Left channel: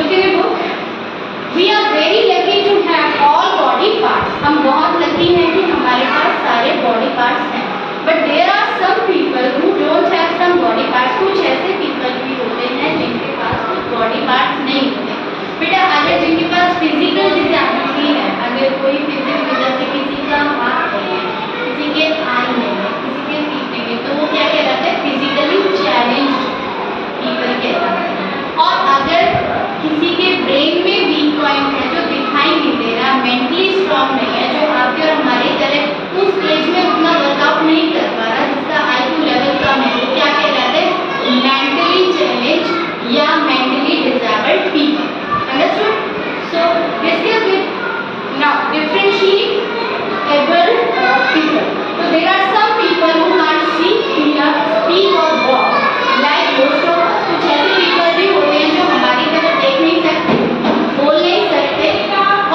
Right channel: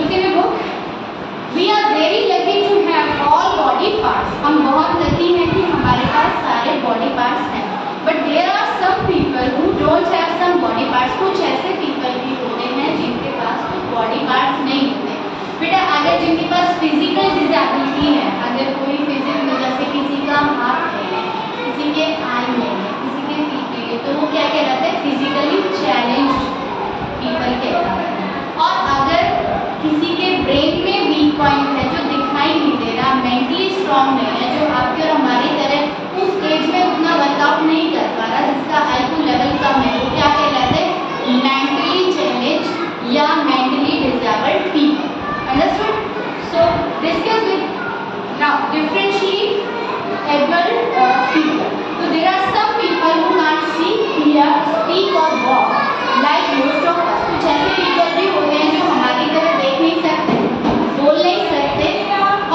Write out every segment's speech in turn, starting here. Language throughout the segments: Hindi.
Look in a book. We are very lucky to have all body parts. हम बहुत lucky हैं कि हमारे पास सारे body parts हैं. But there are some people who don't have some body parts. कुछ ऐसे people भी होते हैं जिनके पास कुछ body parts नहीं होते. बेटा अगर जिनके पास physical disability है, अगर कोई physical वजह से किसी का हाथ नहीं है, किसी के आई नहीं है, किसी के फीट नहीं है, तो वो क्या कहलाता है? फिजिकली चैलेंज्ड पीपल कहलाते हैं. और अगर किसी के ब्रेन में वीक पॉइंट है, जो दिखाई नहीं दे रहा, मेंटली स्ट्रांग नहीं है, जो आपके और हमारी तरह उस एज में उतना वर्कआउट नहीं कर पा रहा, जिसका IQ लेवल कम है, वो क्या कहलाते हैं? मेंटली चैलेंज्ड या mentally disabled people. Understood? So discuss with now differentiate able people. So there are some people who can't see, hear, speak or walk. Like most of us. कुछ ऐसे people भी होते हैं जो हमारी तरह देख नहीं सकते, बोल नहीं सकते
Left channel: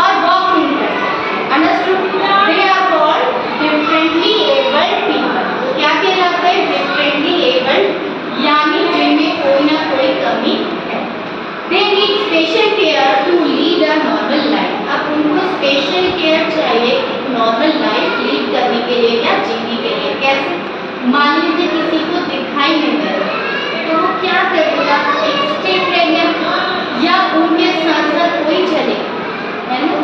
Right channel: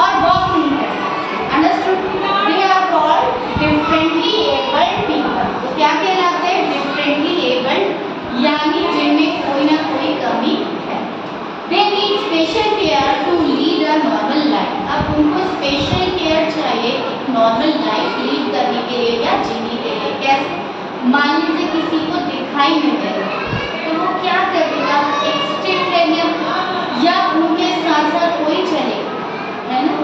और walk नहीं कर सकते. Understood? They are called differently abled people. तो क्या कहलाते हैं? Differently abled, यानी जिनमें कोई ना कोई कमी है. They need special care to lead a normal life. अब उनको स्पेशल केयर चाहिए नॉर्मल लाइफ लीड करने के लिए या जीने के लिए. कैसे? मान लीजिए किसी को दिखाई नहीं दे रहा, तो वो क्या करेगा? एक स्टिक लेंगे या उनके साथ साथ कोई चले, है ना?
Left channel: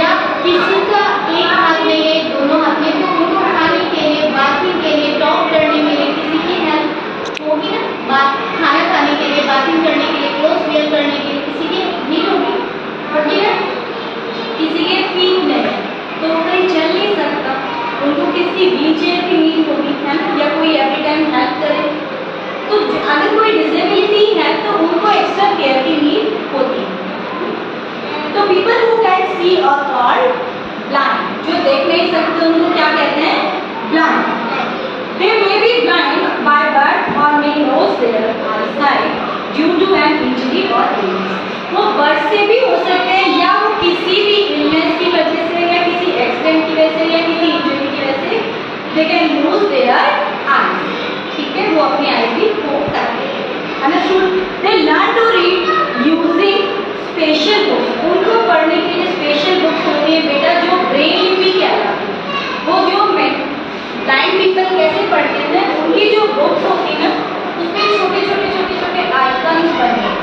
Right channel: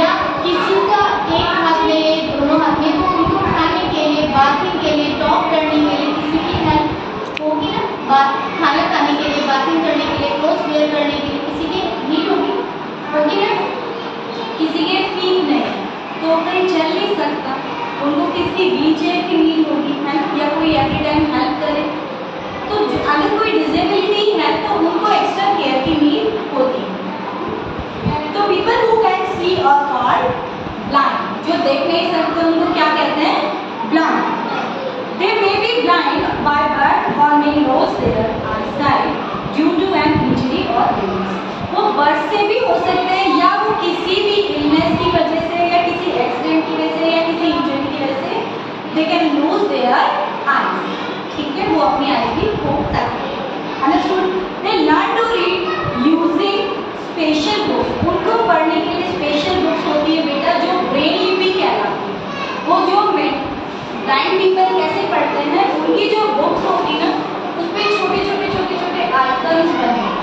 या किसी का एक हाथ में है, दोनों हाथ में, तो उनको खाने के लिए, बाथिंग के लिए, टॉक करने के लिए किसी की हेल्प होगी ना? खाना खाने के लिए, बाथिंग करने के लिए, क्लोथ वेयर करने के लिए किसी की नीड होगी ना? किसी के फीट नहीं तो कहीं चल नहीं सकता, उनको किसी व्हीलचेयर की नीड होगी, है ना? या कोई एवरी टाइम हेल्प करे. तो अगर कोई डिसेबिलिटी है तो उनको एक्स्ट्रा केयर की नीड होती है. तो पीपल हु कैन सी और कॉल्ड ब्लाइंड, जो देख नहीं सकते उनको क्या कहते हैं? Blind. They may be blind by birth or may loss their eyesight due to an injury or illness. वो बर्थ से भी हो सकते हैं या वो किसी भी इलनेस की वजह से या किसी एक्सीडेंट की वजह से या किसी इंजरी की वजह से they can lose their eyes. ठीक है, वो अपनी आईज भी खो सकते हैं. Understood? They learn to read using special books. उनको पढ़ने के लिए स्पेशल बुक्स होती है बेटा, जो ब्रेन लिपि कहलाती है. वो जो ब्लाइंड पीपल कैसे पढ़ते हैं, उनकी जो बुक्स होती है ना, उसमें छोटे छोटे आइकन्स बने हैं,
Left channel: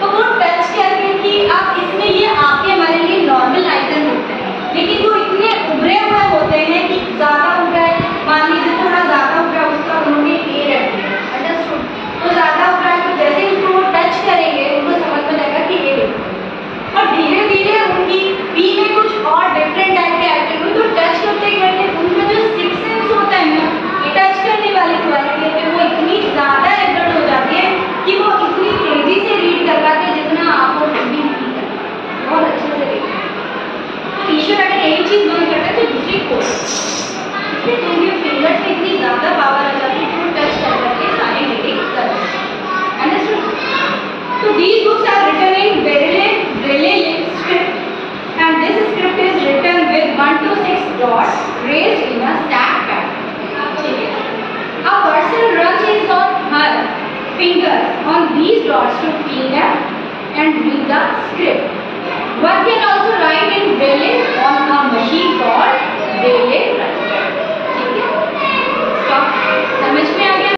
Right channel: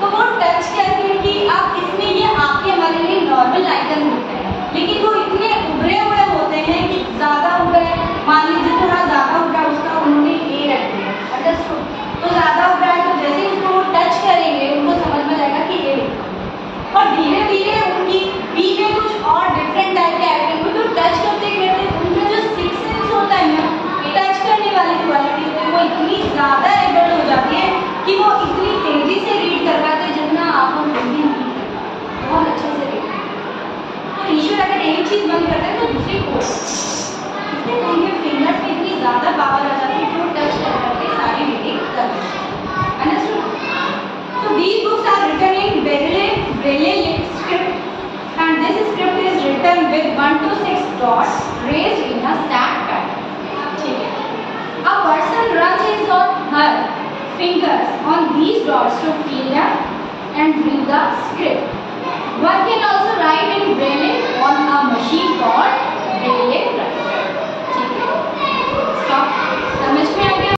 तो वो टच करके कि आप इसमें ये आपके हमारे लिए नॉर्मल आइकन होते हैं, लेकिन वो इतने उभरे हुए होते हैं कि ज़्यादा उभरा है, मान लीजिए थोड़ा ज़्यादा उभरा, उसका उन्होंने ए रख दिया. अंडरस्टूड? तो ज़्यादा उभरा है तो जैसे उसको वो टच करेंगे उनको समझ में आएगा कि ए लिखा है. और धीरे धीरे उनकी बी में कुछ और डिफरेंट टाइप के आइकन को तो टच करते करते उनका जो सिक्स सेंस होता है ना, टच करने वाली क्वालिटी पे वो इतनी ज़्यादा एडवर्ट हो जाती है कि वो इतनी तेजी से रीड कर पाते जितना आपको रीडिंग नहीं करता, बहुत अच्छे से रीड करते. तो ईश्वर अगर एक चीज़ मन करता है तो दूसरी को, इसलिए तो उनके फिंगर्स की इतनी ज़्यादा पावर आ जाती है कि वो टच कर करके सारी रीडिंग करते हैं. Understood? So these books are written in Braille script and this script is written with 1 to 6 dots raised in a stack pattern. ठीक है? A person runs his or her fingers on these dots to feel them and read the script. One can also write in Braille on a machine called Braille writer. ठीक है? Stop. समझ में